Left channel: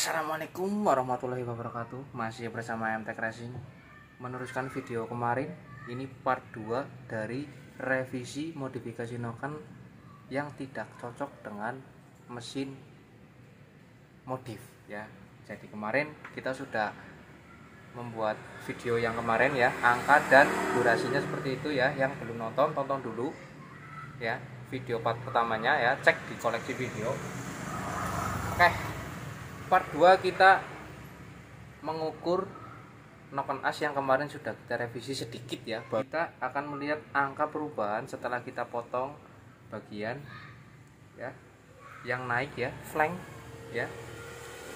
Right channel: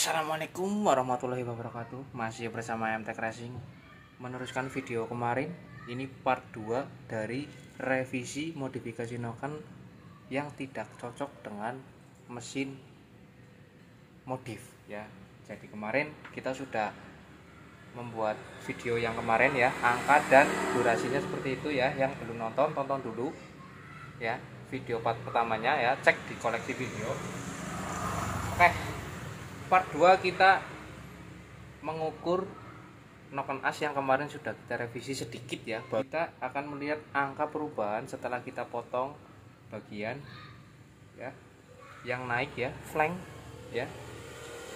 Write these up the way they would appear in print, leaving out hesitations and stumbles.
Assalamualaikum warahmatullahi wabarakatuh. Masih bersama MTech Racing, meneruskan video kemarin. Ini part 2 dari revisi modifikasi noken yang tidak cocok dengan mesin modif ya. Jadi kemarin kita sudah membuat video yang kemarin ya, angka dan durasinya seperti itu ya. Yang belum nonton, tonton dulu ya video part pertamanya ya, cek di koleksi video. Oke, part 2 kita mengukur noken as yang kemarin sudah kita revisi sedikit ya. Kita akan melihat angka perubahan setelah kita potong bagian ya yang naik ya, flank ya,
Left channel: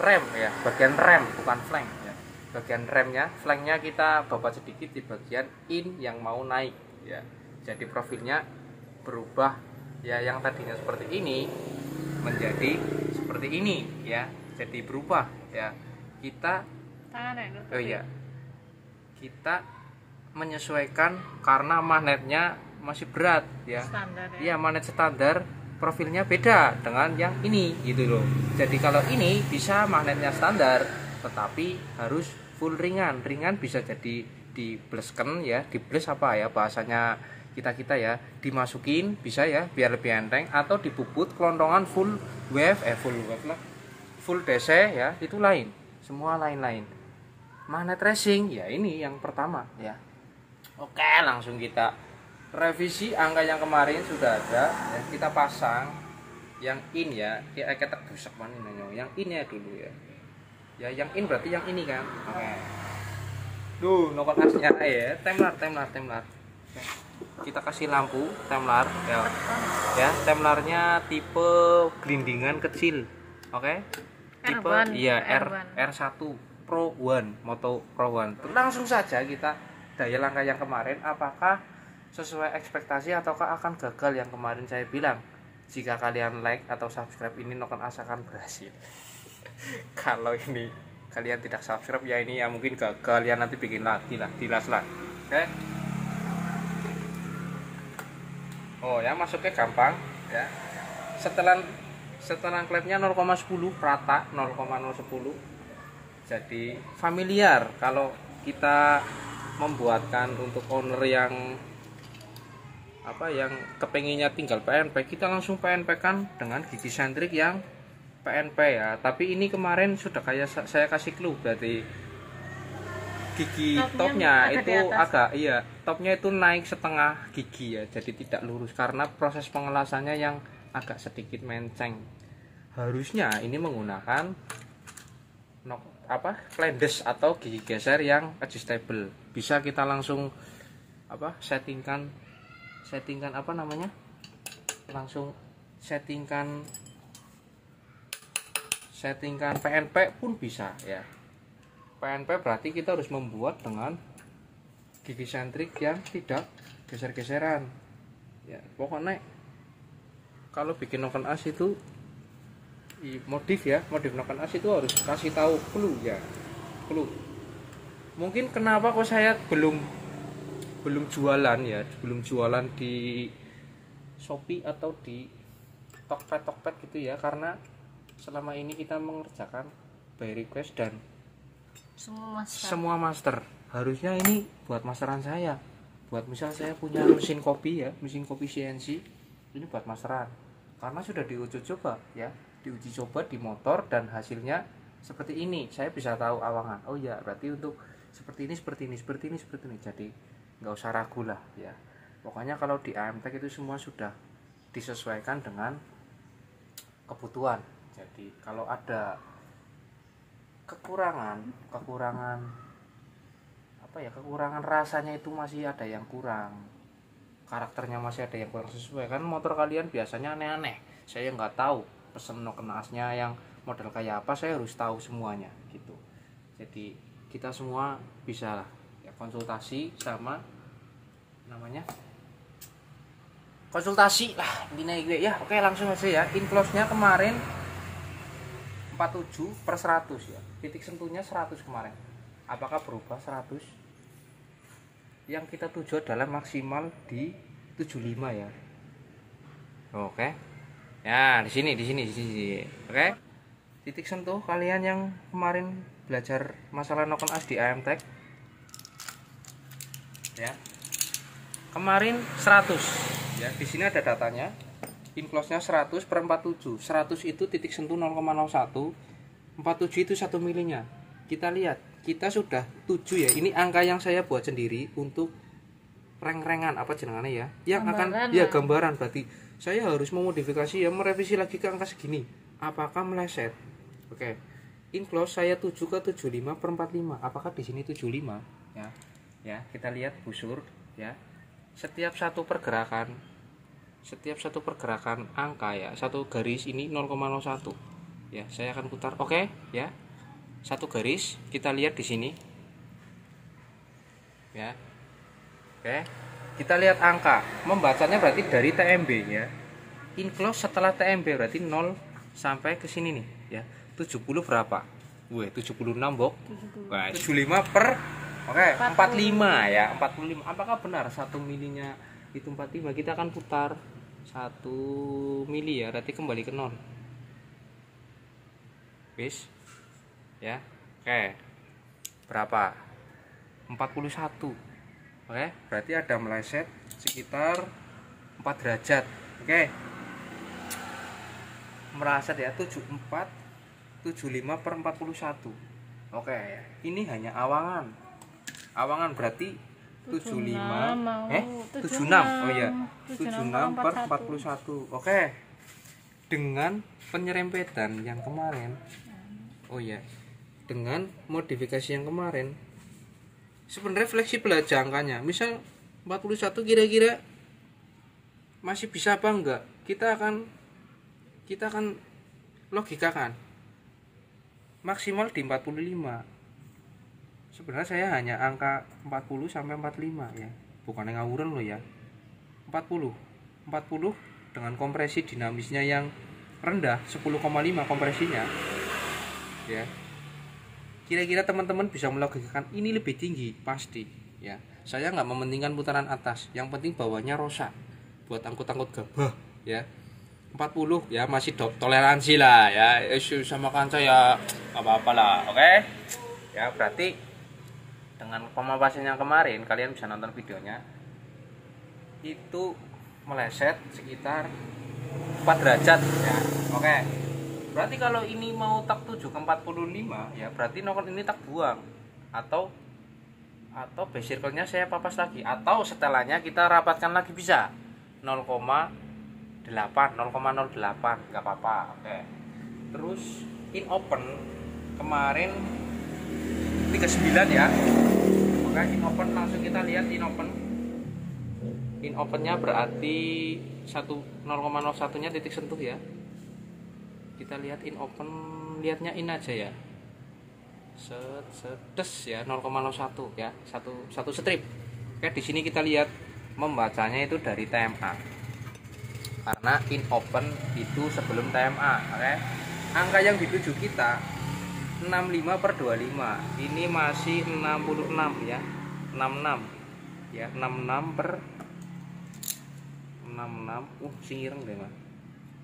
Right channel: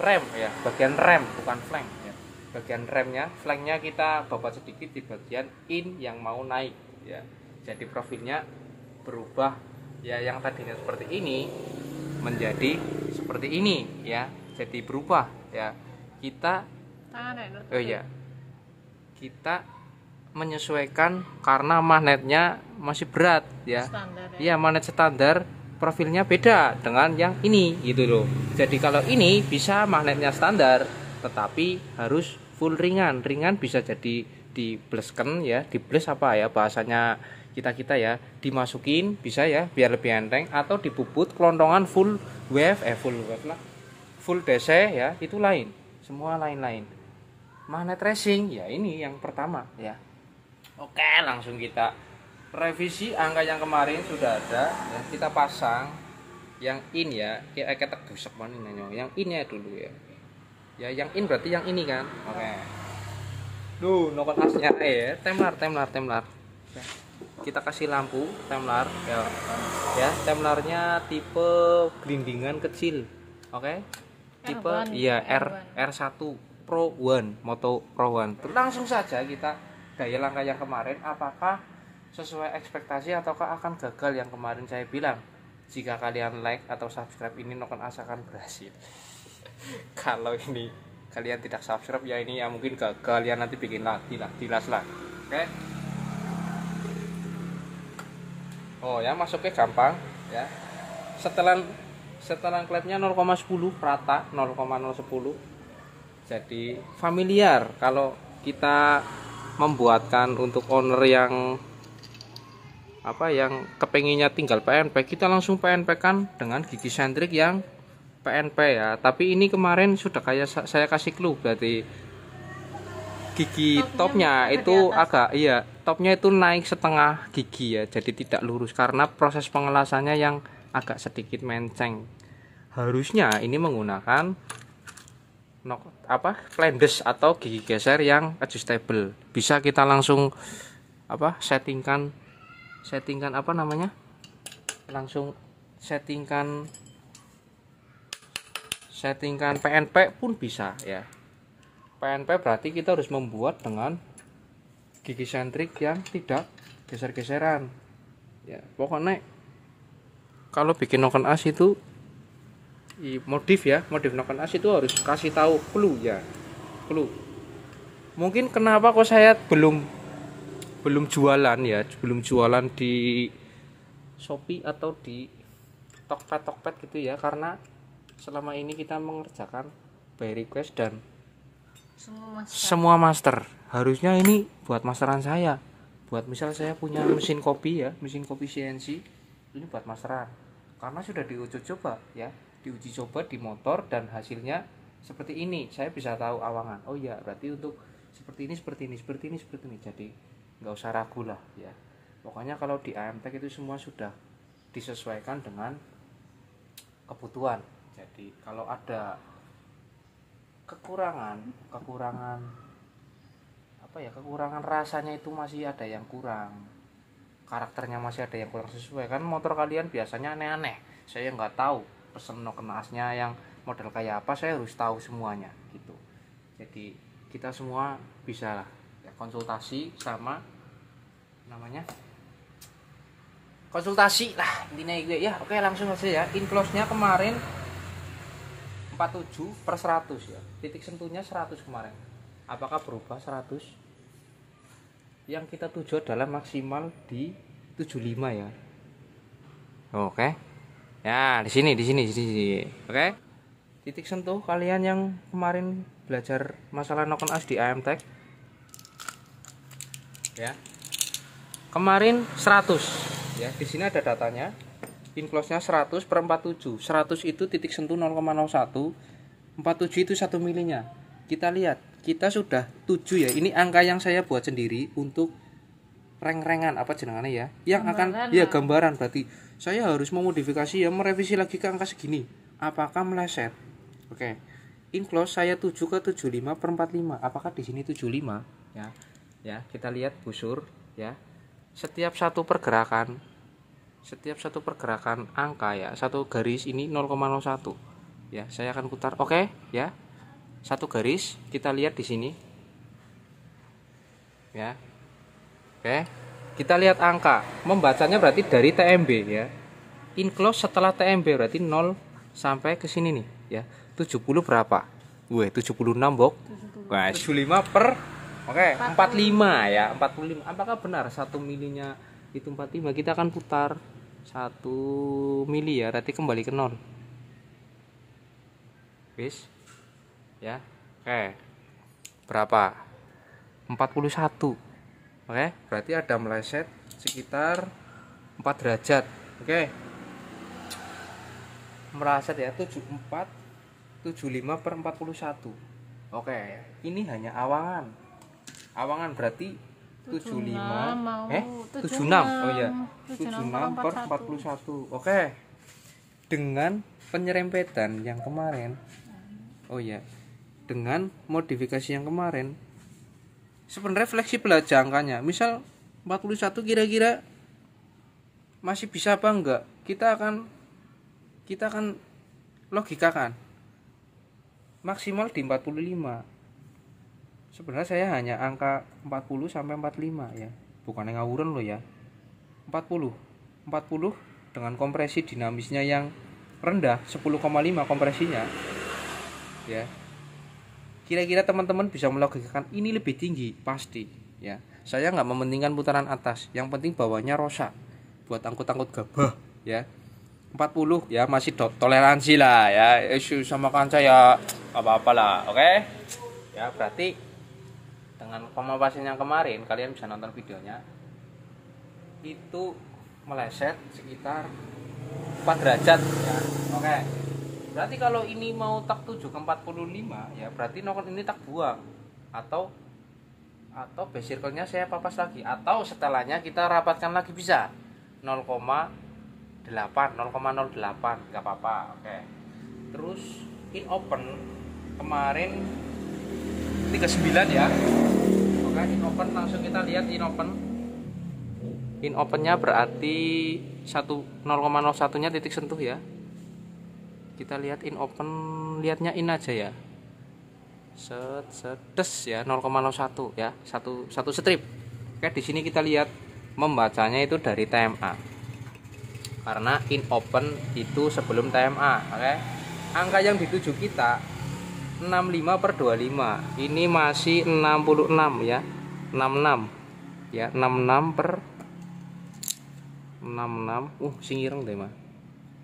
rem ya, bagian rem bukan flank ya, bagian remnya. Flanknya kita babat sedikit di bagian in yang mau naik ya. Jadi profilnya berubah ya, yang tadinya seperti ini menjadi seperti ini ya. Jadi berubah ya. Kita kita menyesuaikan karena magnetnya masih berat ya. Standar, ya. Iya, magnet standar profilnya beda dengan yang ini gitu loh. Jadi kalau ini bisa magnetnya standar tetapi harus full ringan. Ringan bisa jadi diblesken ya, dibles apa ya bahasanya kita ya, dimasukin bisa ya biar lebih enteng, atau dibubut kelontongan full wave lah, full DC ya, itu lain, semua lain-lain. Magnet racing ya ini yang pertama ya. Oke, langsung kita revisi angka yang kemarin sudah ada ya, kita pasang yang in ya, kita busuk mana yang in ya dulu ya. Ya yang in berarti yang ini kan. Oke. Duh, noken asnya ya, temlar. Kita kasih lampu temlar ya, temlarnya tipe gelindingan kecil. Oke. Tipe iya R1 Pro 1, Moto Pro 1. Langsung saja kita daya langkah yang kemarin, apakah sesuai ekspektasi ataukah akan gagal yang kemarin saya bilang. Jika kalian like atau subscribe, ini noken as akan berhasil. Kalau ini kalian tidak subscribe ya, ini ya mungkin gagal ya, nanti bikin lagi lah, dilas lah. Oke. Oh ya, masuknya gampang ya. Setelan klepnya 0,10 rata, 0,010. Jadi familiar kalau kita membuatkan untuk owner yang yang kepenginnya tinggal PNP, kita langsung PNP kan dengan gigi sentrik yang PNP ya. Tapi ini kemarin sudah kayak saya kasih clue, berarti gigi topnya itu agak topnya itu naik setengah gigi ya, jadi tidak lurus karena proses pengelasannya yang agak sedikit menceng. Harusnya ini menggunakan flandes atau gigi geser yang adjustable. Bisa kita langsung settingkan langsung settingkan PNP pun bisa ya. PNP berarti kita harus membuat dengan gigi sentrik yang tidak geser-geseran ya. Pokoknya kalau bikin noken as itu modif noken as itu harus kasih tahu clue ya, clue. Mungkin kenapa kok saya belum jualan di Shopee atau di Tokped gitu ya, karena selama ini kita mengerjakan by request dan semua master. Harusnya ini buat masteran saya, buat misal saya punya mesin kopi CNC, ini buat masteran karena sudah diuji coba di motor dan hasilnya seperti ini. Saya bisa tahu awangan, oh ya berarti untuk seperti ini. Jadi nggak usah ragu lah ya. Pokoknya kalau di AMTech itu semua sudah disesuaikan dengan kebutuhan. Jadi kalau ada kekurangan rasanya itu masih ada yang kurang, karakternya masih ada yang kurang sesuai kan, motor kalian biasanya aneh-aneh. Saya nggak tahu pesen noken asnya yang model kayak apa, saya harus tahu semuanya gitu. Jadi kita semua bisa ya, konsultasi sama konsultasi lah intinya gue ya. Oke, langsung aja ya. Enclose nya kemarin 47/100 ya, titik sentuhnya 100 kemarin. Apakah berubah 100? Yang kita tuju adalah maksimal di 75 ya. Oke ya, di sini. Oke, titik sentuh kalian yang kemarin belajar masalah knock as di AMTech ya. Kemarin 100 ya, di sini ada datanya. In close-nya 100 per 47. 100 itu titik sentuh 0,01. 47 itu 1 milinya. Kita lihat, kita sudah 7 ya. Ini angka yang saya buat sendiri untuk reng-rengan apa jenengannya ya. Yang gambaran akan ya gambaran, berarti saya harus memodifikasi ya, merevisi lagi ke angka segini. Apakah meleset? Oke. In close saya 7 ke 75 per 45. Apakah di sini 75? Ya. Ya, kita lihat busur ya. Setiap satu pergerakan angka ya, satu garis ini 0,01 ya, saya akan putar. Oke ya, satu garis kita lihat di sini ya. Oke, kita lihat angka, membacanya berarti dari TMB ya. In close setelah TMB berarti 0 sampai ke sini nih ya. 70 berapa? 76 bok. Nah, 75 per oke, 45 ya, 45. Apakah benar 1 milinya itu 45? Kita akan putar 1 mili ya, berarti kembali ke 0. Wis. Ya. Oke. Berapa? 41. Oke, berarti ada meleset sekitar 4 derajat. Oke. Meleset ya, 74 75 per 41. Oke, ini hanya awangan. Awangan berarti 76 76. Oh iya. 76 per 41. Oke. Dengan penyerempetan yang kemarin. Oh iya. Dengan modifikasi yang kemarin. Sebenarnya fleksibel aja angkanya. Misal 41 kira-kira masih bisa apa enggak? Kita akan logikakan. Maksimal di 45. Sebenarnya saya hanya angka 40 sampai 45 ya. Bukan yang ngawuran loh ya. 40 dengan kompresi dinamisnya yang rendah 10,5 kompresinya. Ya. Kira-kira teman-teman bisa melogikakan ini lebih tinggi pasti ya. Saya nggak mementingkan putaran atas, yang penting bawahnya rosak buat angkut-angkut gabah ya. 40 ya masih toleransi lah ya. Isu sama kanca ya apa-apa lah. Oke. Ya, berarti dengan pemapasan yang kemarin kalian bisa nonton videonya, itu meleset sekitar 4 derajat ya. Oke. Berarti kalau ini mau tak 7 ke 45 ya, berarti nokon ini tak buang atau base circle-nya saya papas lagi, atau setelannya kita rapatkan lagi bisa 0,08 nggak apa-apa. Oke. Terus in open kemarin 39 ya. Oke, in open langsung kita lihat in open. In opennya berarti 0,01 nya titik sentuh ya. Kita lihat in open, lihatnya in aja ya. Des ya 0,01 ya, satu strip. Oke, di sini kita lihat membacanya itu dari TMA. Karena in open itu sebelum TMA, oke. Angka yang dituju kita 65 per 25. Ini masih 66 ya. 66. Ya, 66 per 66. Sing ireng deh, Mas.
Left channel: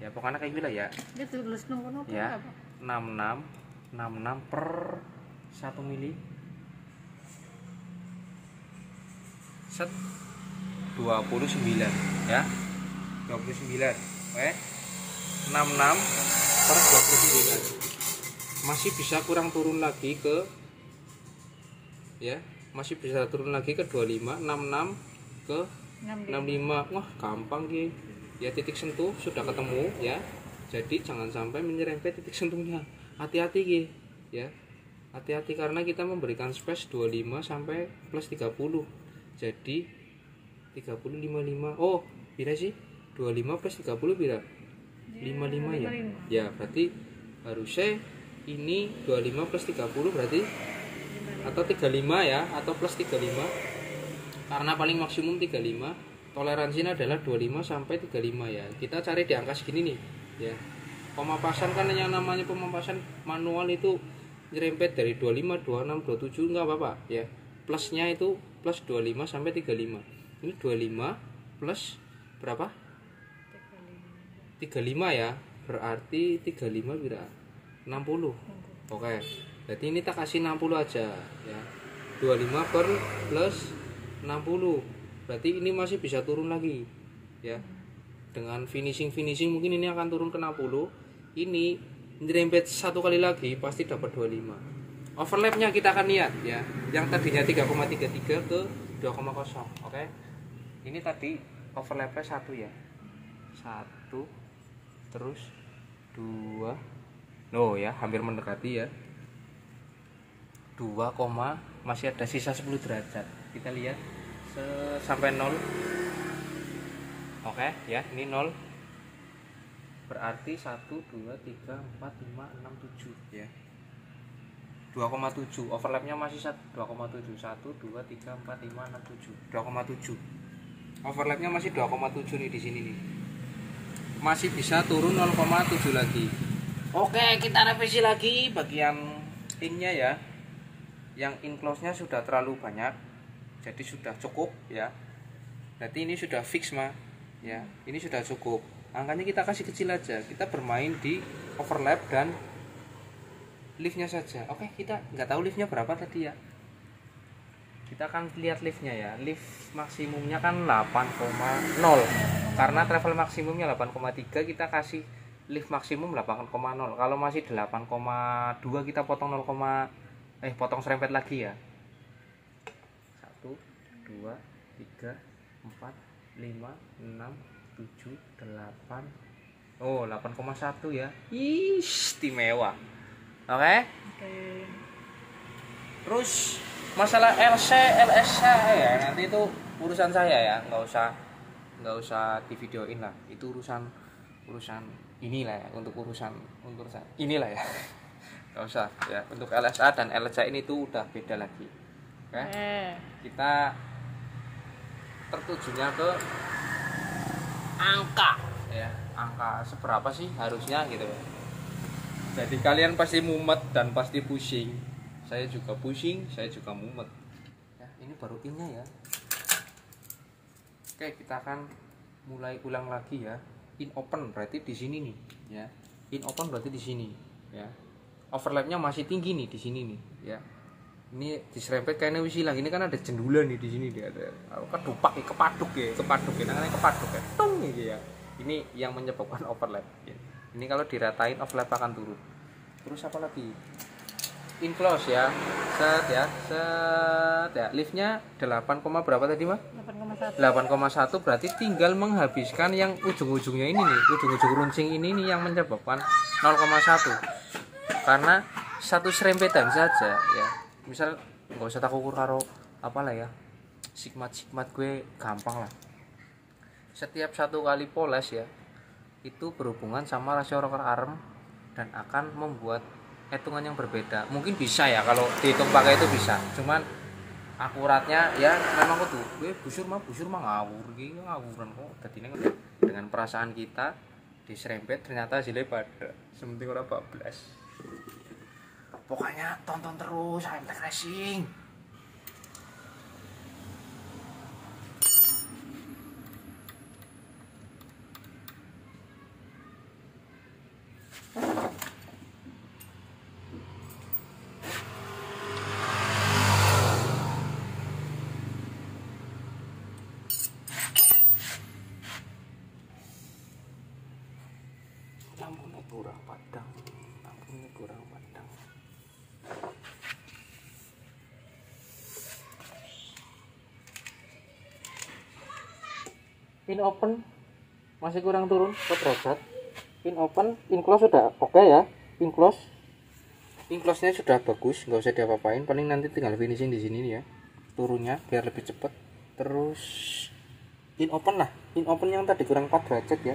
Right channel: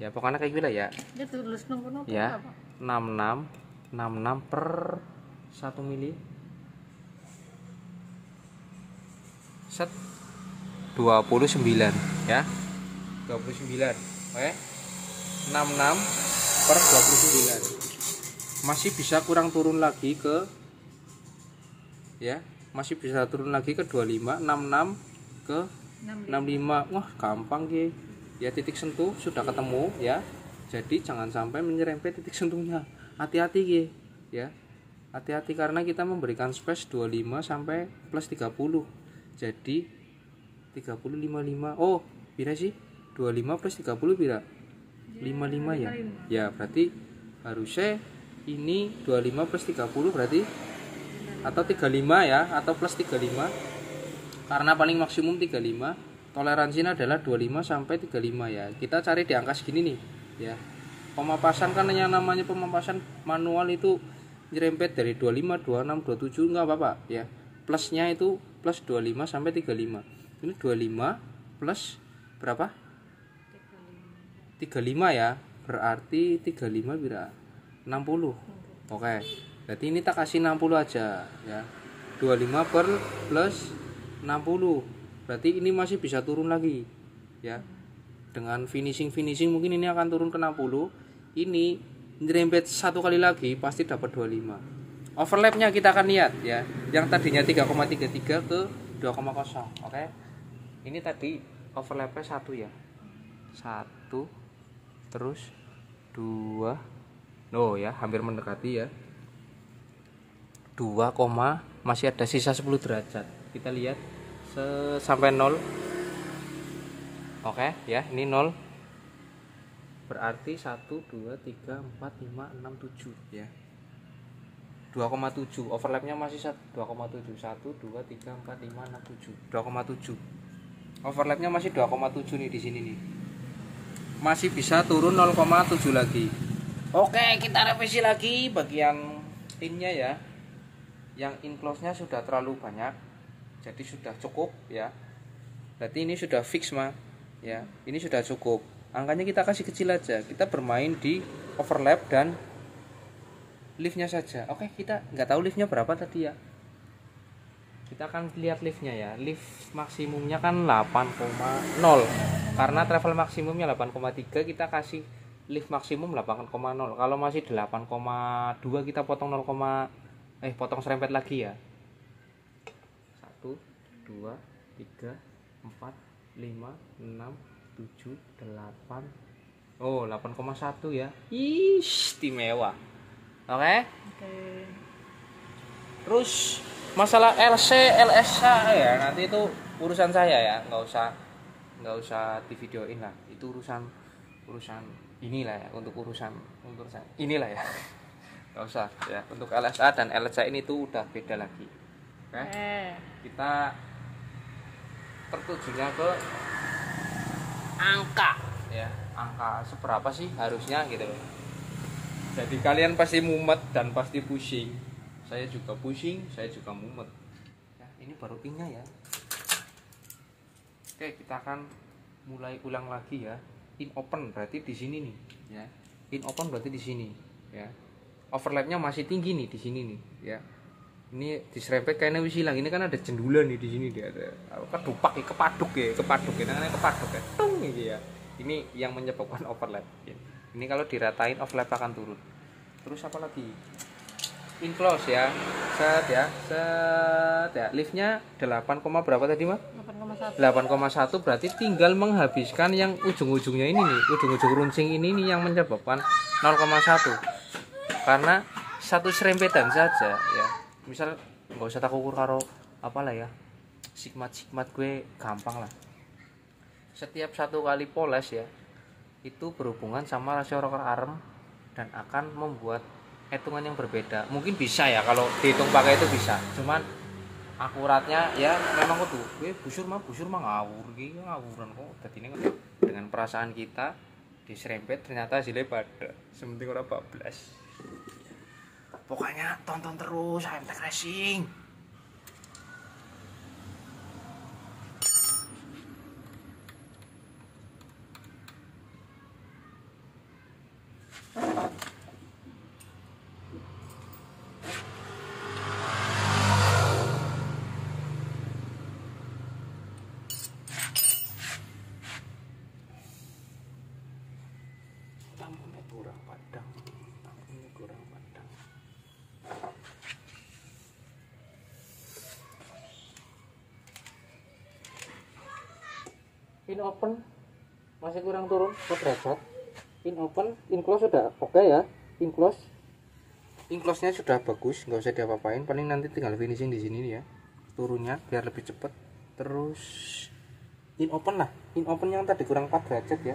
Ya, pokoknya kayak gila ya. Dia tulis nomor ya, apa? 66 per 1 mili. Set 29 ya. 29. Oke. 66 per 29. Masih bisa kurang turun lagi ke ya, masih bisa turun lagi ke 25, 66 ke 65. Wah, gampang ki. Ya, titik sentuh sudah ketemu ya. Jadi jangan sampai menyerempet titik sentuhnya. Hati-hati ki ya. Hati-hati karena kita memberikan space 25 sampai plus 30. Jadi 30 55. Oh, pira sih? 25 plus 30 pira? 55 ya. Ya, berarti harusnya ini 25 plus 30 berarti atau 35 ya, atau plus 35. Karena paling maksimum 35. Toleransinya adalah 25 sampai 35 ya. Kita cari di angka segini nih ya. Pemapasan kan yang namanya pemapasan manual itu nyerempet dari 25, 26, 27 enggak apa-apa ya. Plusnya itu plus 25 sampai 35. Ini 25 plus berapa? 35 ya. Berarti 35 berapa? 60. Oke. Berarti ini tak kasih 60 aja ya. 25 per plus 60. Berarti ini masih bisa turun lagi ya. Dengan finishing mungkin ini akan turun ke 60. Ini nyerempet satu kali lagi pasti dapat 25. Overlapnya kita akan lihat ya. Yang tadinya 3,33 ke 2,0. Oke. Ini tadi overlapnya 1 ya. 1 terus 2. Oh ya, hampir mendekati ya. 2, masih ada sisa 10 derajat. Kita lihat sampai 0. Oke ya, ini 0. Berarti 1 2 3 4 5 6 7 ya. 2,7. Overlapnya masih 2,7. 1 2 3 4 5 6 7. 2,7. Overlapnya masih 2,7 nih di sini nih. Masih bisa turun 0,7 lagi. Oke, kita revisi lagi bagian innya ya. Yang in close-nya sudah terlalu banyak. Jadi sudah cukup ya. Berarti ini sudah fix mah. Ya, ini sudah cukup. Angkanya kita kasih kecil aja. Kita bermain di overlap dan liftnya saja. Oke, kita nggak tahu liftnya berapa tadi ya. Kita akan lihat liftnya ya. Lift maksimumnya kan 8,0. Karena travel maksimumnya 8,3, kita kasih lift maksimum 8,0. Kalau masih 8,2 kita potong potong serempet lagi ya. 1 2 3 4 5 6 7 8. Oh, 8,1 ya. Istimewa. Oke. Terus masalah LC, LSH ya, nanti itu urusan saya ya, nggak usah di videoin lah. Itu urusan inilah ya, untuk urusan inilah ya. Nggak usah ya. Untuk LSA dan LSH ini tuh udah beda lagi. Oke. Kita tertujunya ke angka ya. Angka seberapa sih harusnya gitu ya. Jadi kalian pasti mumet dan pasti pusing. Saya juga pusing, saya juga mumet. Ya, ini baru innya ya. Oke, kita akan mulai ulang lagi ya. In open berarti di sini nih, ya. In open berarti di sini, ya. Overlapnya masih tinggi nih di sini nih, ya. Ini diserempet kayaknya wis hilang. Ini kan ada jendulan nih di sini dia ada. Kedupak ya, kepaduk ya, namanya kepaduk ya. Tung gitu ya. Ini yang menyebabkan overlap. Ya. Ini kalau diratain overlap akan turun. Terus apa lagi? In close ya. Set ya. Liftnya 8, berapa tadi mah? 8,1 berarti tinggal menghabiskan yang ujung-ujungnya ini nih. Ujung-ujung runcing ini nih yang menyebabkan 0,1. Karena satu serempetan saja ya. Misal nggak usah tak ukur karo apalah ya. Sigmat gue gampang lah. Setiap satu kali poles ya, itu berhubungan sama rasio rocker arm dan akan membuat hitungan yang berbeda. Mungkin bisa ya kalau dihitung pakai itu bisa. Cuman akuratnya ya memang kudu gue busur mah ngawur iki ngawuran kok. Dadine dengan perasaan kita diserempet ternyata hasilnya pada sementing ora bablas. Pokoknya tonton terus HMTech Racing. Lampunya kurang padang. In open masih kurang turun 4 derajat. In open, in close sudah oke ya. In close-nya sudah bagus, nggak usah diapa-apain. Paling nanti tinggal finishing di sini nih ya. Turunnya biar lebih cepat. Terus in open lah. In open yang tadi kurang 4 derajat ya.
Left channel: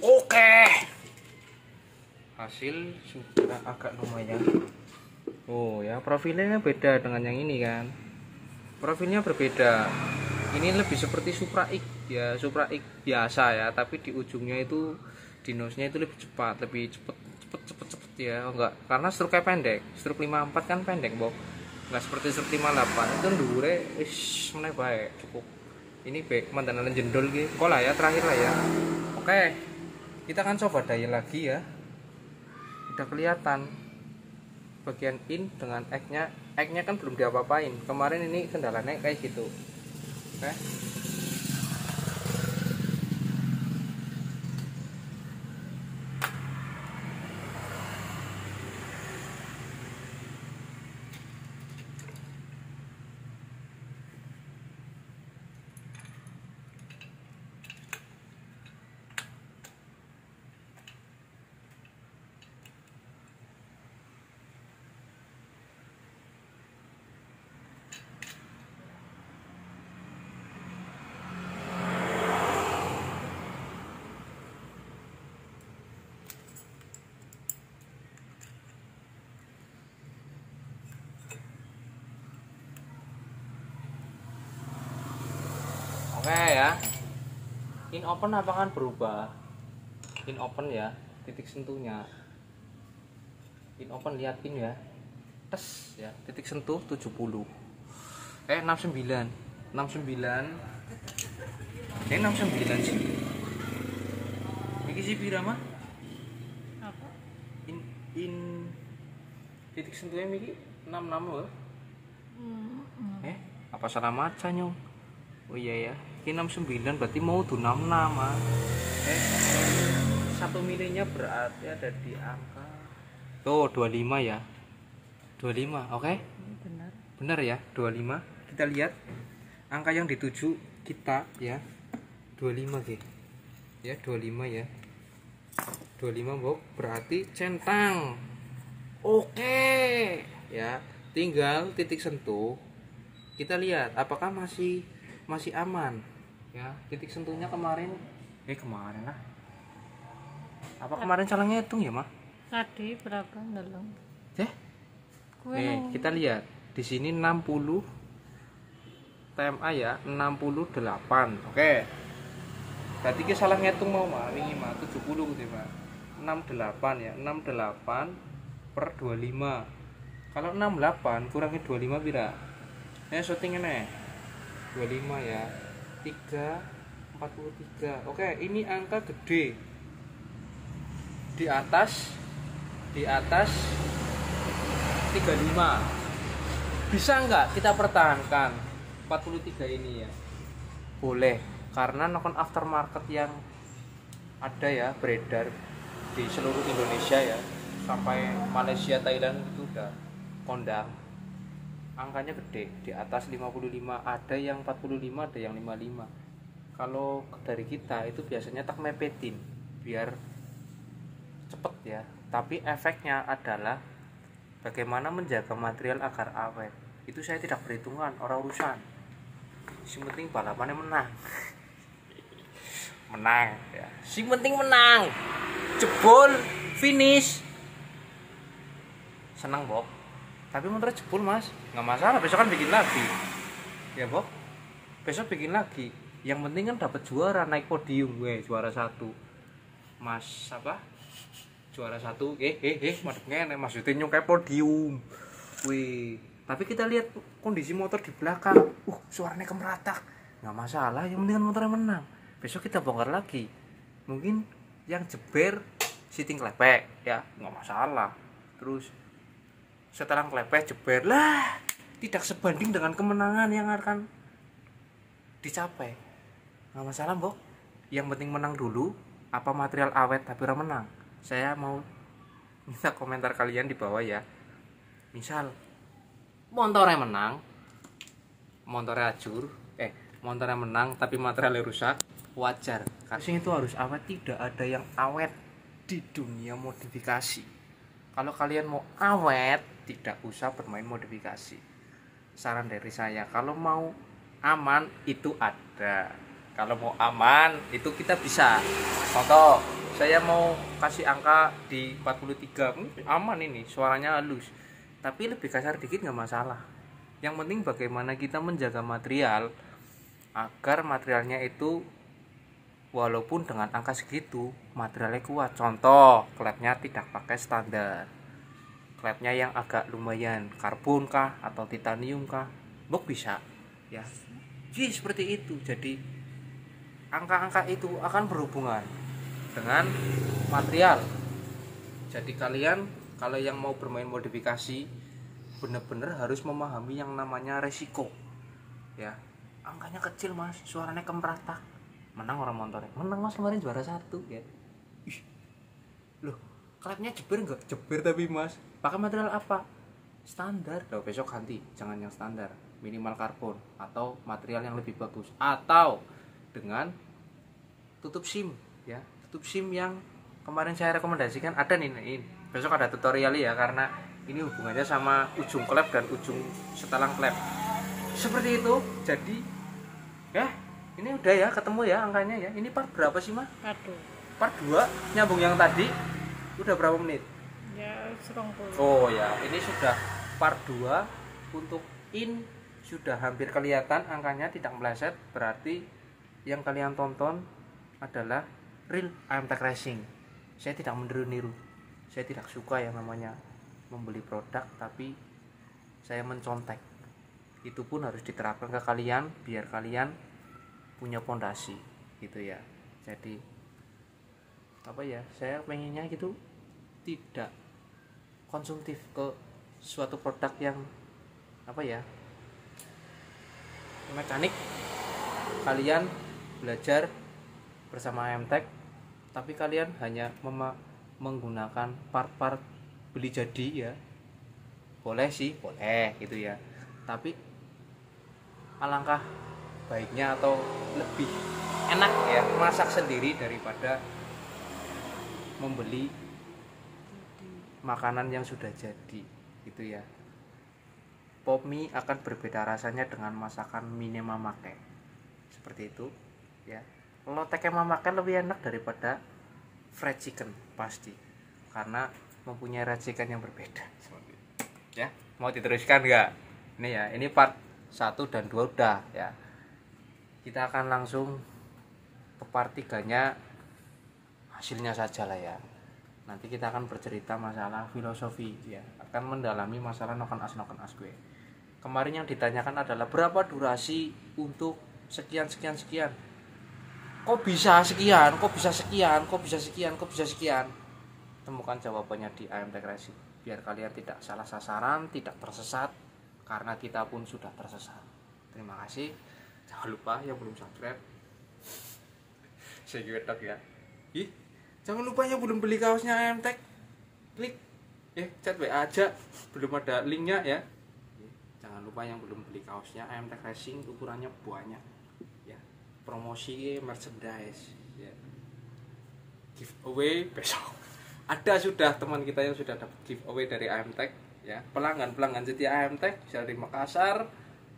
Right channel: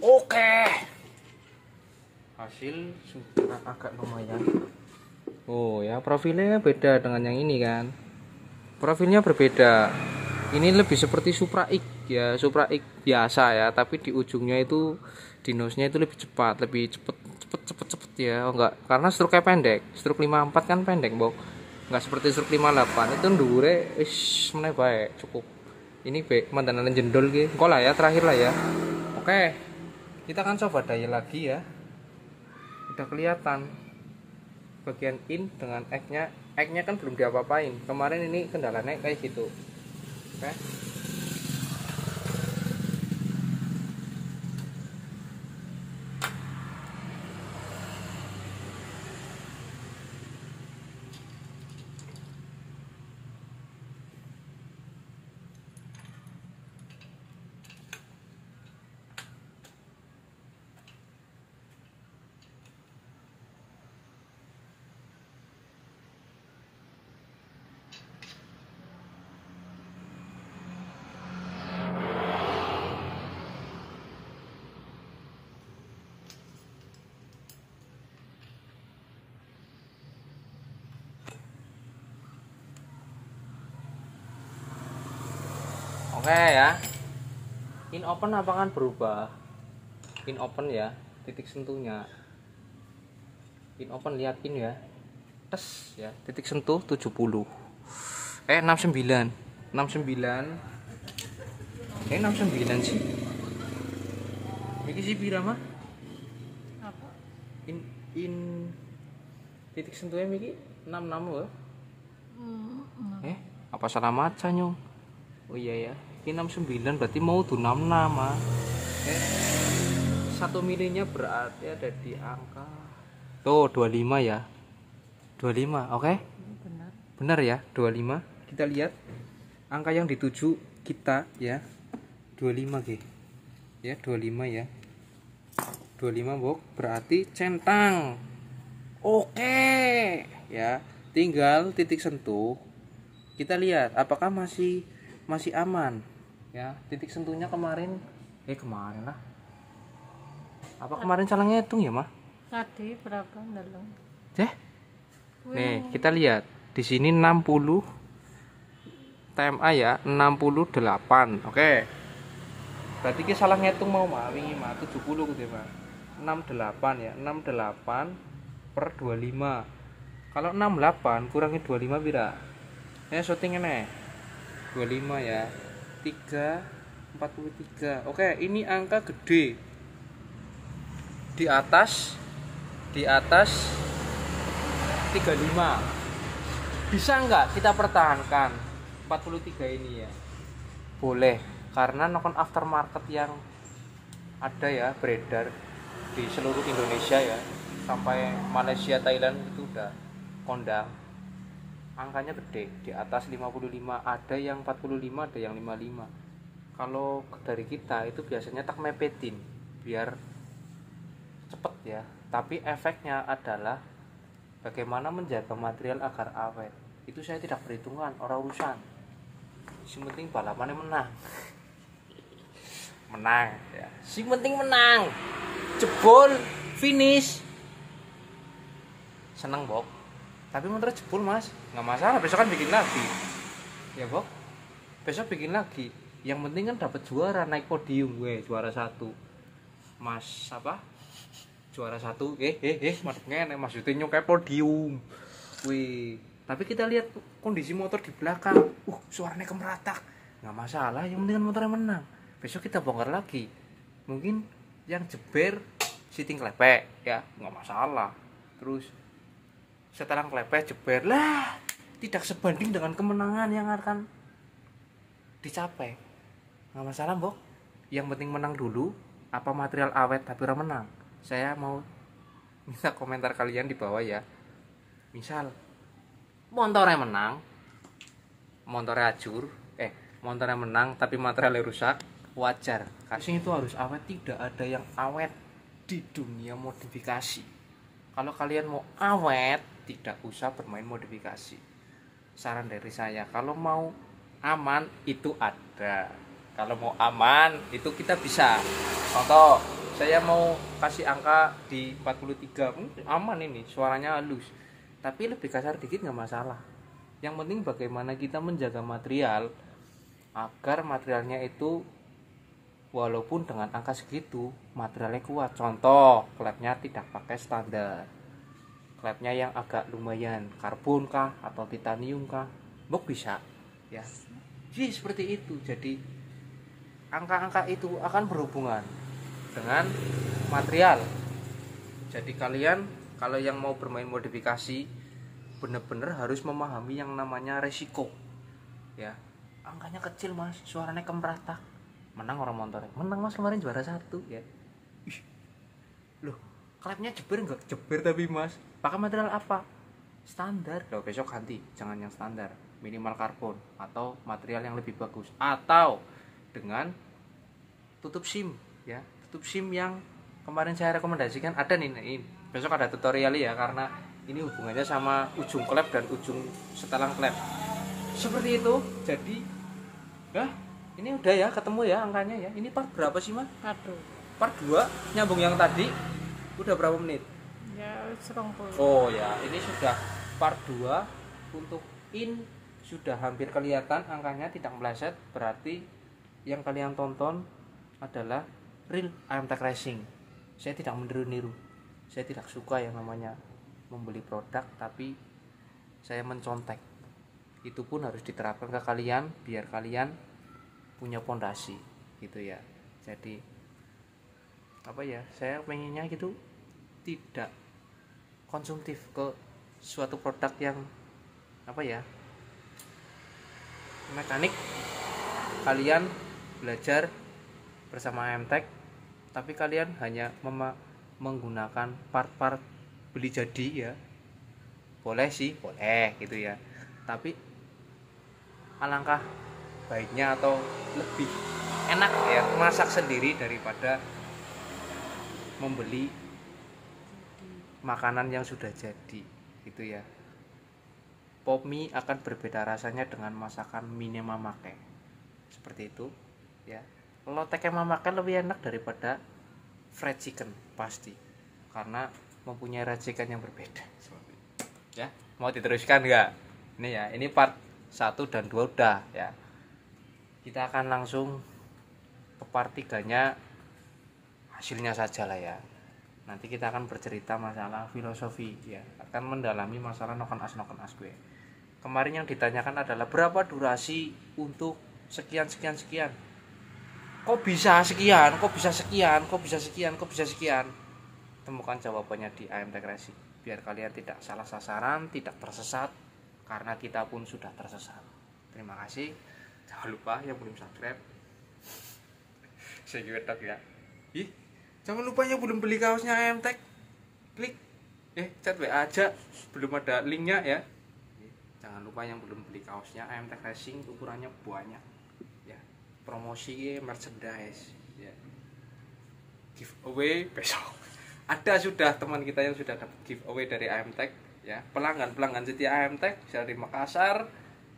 Oke, hasil sudah agak lumayan. Oh ya, profilnya beda dengan yang ini kan. Profilnya berbeda. Ini lebih seperti Supra X ya, Supra X biasa ya, tapi di ujungnya itu di nose-nya itu lebih cepat, lebih cepet ya. Oh, enggak, karena struknya pendek. Struk 54 kan pendek, Bok. Enggak seperti struk 58 itu ndure wis meneh bae, cukup. Ini mandanan jendol gitu. Kok lah ya, terakhir lah ya. Oke. Kita akan coba daya lagi ya. Udah kelihatan bagian in dengan X-nya kan belum diapa-apain. Kemarin ini kendalanya kayak gitu. Oke. Oke ya. In open apa kan berubah? In open ya, titik sentuhnya. In open lihat in ya. Tes ya, titik sentuh 70. 69. 69. 69 sih. Iki sih pira mah? Apa? In titik sentuhnya miki 66 loh. Apa salah maca nyong? Oh iya ya. Ini 69 berarti mau tuh 66 ah. 1 milinya berarti ada di angka tuh 25 ya. 25, oke? Benar. Benar ya, 25. Kita lihat angka yang dituju kita ya. 25 G. Ya, 25 ya. 25 Bok, berarti centang. Oke. Ya, tinggal titik sentuh. Kita lihat apakah masih aman ya. Titik sentuhnya kemarin lah, apa kemarin salah ngitung ya mah Tadi berapa nolong? Nih kita lihat di sini 60 TMA ya, 68. Oke, berarti kita salah ngitung mau mah wingi mah 70 gitu mah 68 ya, 68 per 25. Kalau 68 kurangi 25 pira? Shooting ini 25 ya, 343. Oke, ini angka gede. Di atas 35. Bisa nggak kita pertahankan 43 ini ya? Boleh, karena nonton aftermarket yang ada ya, beredar di seluruh Indonesia ya, sampai Malaysia, Thailand itu udah kondang. Angkanya gede, di atas 55, ada yang 45, ada yang 55. Kalau dari kita itu biasanya tak mepetin biar cepet ya, tapi efeknya adalah bagaimana menjaga material agar awet. Itu saya tidak perhitungan, orang urusan. Yang penting balapannya menang. Menang ya. Si penting menang. Jebol, finish. Seneng, Bob. Tapi motor jebol Mas, nggak masalah, besok kan bikin lagi ya Bob, besok bikin lagi. Yang penting kan dapat juara, naik podium gue, juara 1 Mas apa, juara 1 maksudnya maksudnya nyukai podium wih. Tapi kita lihat kondisi motor di belakang, suaranya kemeratak, nggak masalah, yang penting kan motornya menang. Besok kita bongkar lagi, mungkin yang jeber sitting klepek ya, nggak masalah. Terus setelah klepek jeber lah, tidak sebanding dengan kemenangan yang akan dicapai. Nggak masalah Bok, yang penting menang dulu. Apa material awet tapi orang menang? Saya mau minta komentar kalian di bawah ya. Misal motornya menang, motornya hancur, motornya menang tapi materialnya rusak, wajar. Karena itu harus awet, tidak ada yang awet di dunia modifikasi. Kalau kalian mau awet, tidak usah bermain modifikasi. Saran dari saya, kalau mau aman itu ada. Kalau mau aman itu kita bisa. Contoh, saya mau kasih angka di 43, aman ini, suaranya halus. Tapi lebih kasar dikit nggak masalah. Yang penting bagaimana kita menjaga material agar materialnya itu walaupun dengan angka segitu materialnya kuat. Contoh, klepnya tidak pakai standar, klepnya yang agak lumayan, karbon kah atau titanium kah, bisa ya. Jadi seperti itu. Jadi angka-angka itu akan berhubungan dengan material. Jadi kalian kalau yang mau bermain modifikasi benar-benar harus memahami yang namanya resiko ya. Angkanya kecil mas, suaranya kemeratak, menang orang motornya, menang mas kemarin juara 1 ya. Ih, loh klepnya jeber enggak? Jeber tapi mas, pakai material apa? Standar. Loh besok ganti, jangan yang standar, minimal karbon atau material yang lebih bagus, atau dengan tutup SIM ya. Tutup SIM yang kemarin saya rekomendasikan ada nih, besok ada tutorial ya, karena ini hubungannya sama ujung klep dan ujung setelang klep seperti itu. Jadi ya ini udah ya, ketemu ya angkanya ya. Ini part berapa sih mas? Part 2 nyambung yang tadi. Udah berapa menit? Ya 20. Oh ya, ini sudah part 2. Untuk in sudah hampir kelihatan angkanya, tidak meleset. Berarti yang kalian tonton adalah real IMTech Racing. Saya tidak meniru-niru, saya tidak suka yang namanya membeli produk tapi saya mencontek. Itu pun harus diterapkan ke kalian biar kalian punya pondasi gitu ya. Jadi apa ya, saya pengennya gitu tidak konsumtif ke suatu produk yang apa ya, mekanik. Kalian belajar bersama IMTech tapi kalian hanya menggunakan part-part beli jadi ya. Boleh sih, boleh gitu ya, tapi alangkah baiknya atau lebih enak ya masak sendiri daripada membeli makanan yang sudah jadi gitu ya. Pop mie akan berbeda rasanya dengan masakan mie mamakai seperti itu ya. Loteknya mamakan lebih enak daripada fried chicken pasti, karena mempunyai racikan yang berbeda ya. Mau diteruskan nggak? Ini ya, ini part 1 dan 2 udah ya. Kita akan langsung ke part 3-nya, hasilnya saja lah ya. Nanti kita akan bercerita masalah filosofi ya, akan mendalami masalah noken as gue. Kemarin yang ditanyakan adalah berapa durasi untuk sekian. Kok bisa sekian, kok bisa sekian, kok bisa sekian, kok bisa sekian. Temukan jawabannya di IMTech Racing biar kalian tidak salah sasaran, tidak tersesat, karena kita pun sudah tersesat. Terima kasih. Jangan lupa yang belum subscribe, saya juga ya. Jangan lupa yang belum beli kaosnya IMTech, klik chat WA aja, belum ada linknya ya. Jangan lupa yang belum beli kaosnya IMTech Racing, ukurannya banyak ya. Promosi merchandise ya. Giveaway besok. Ada sudah teman kita yang sudah dapat giveaway dari IMTech ya. Pelanggan setia IMTech dari Makassar,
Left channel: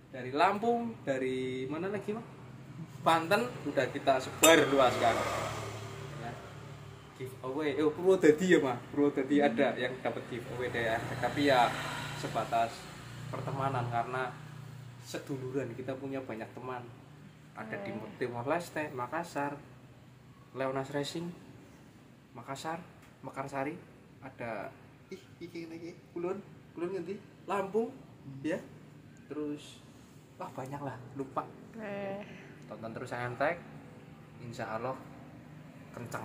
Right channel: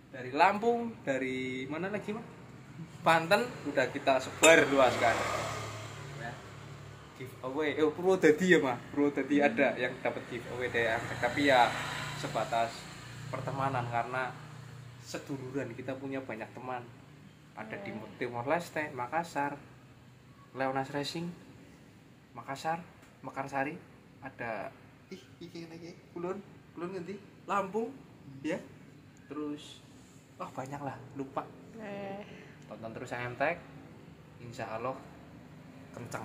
dari Lampung, dari mana lagi Mas? Banten udah kita sebar luaskan. Ya. Giveaway. Purwodadi ya Mas. Purwodadi ada yang dapat giveaway dari IMTech, tapi ya sebatas pertemanan karena seduluran, kita punya banyak teman. Ada di Timor Leste, Makassar, Leonas Racing, Makassar, Mekarsari, ada iki lagi, Kulon ngendi? Lampung, ya. Terus banyak lah, lupa. Tonton terus IMTech, insya Allah kenceng.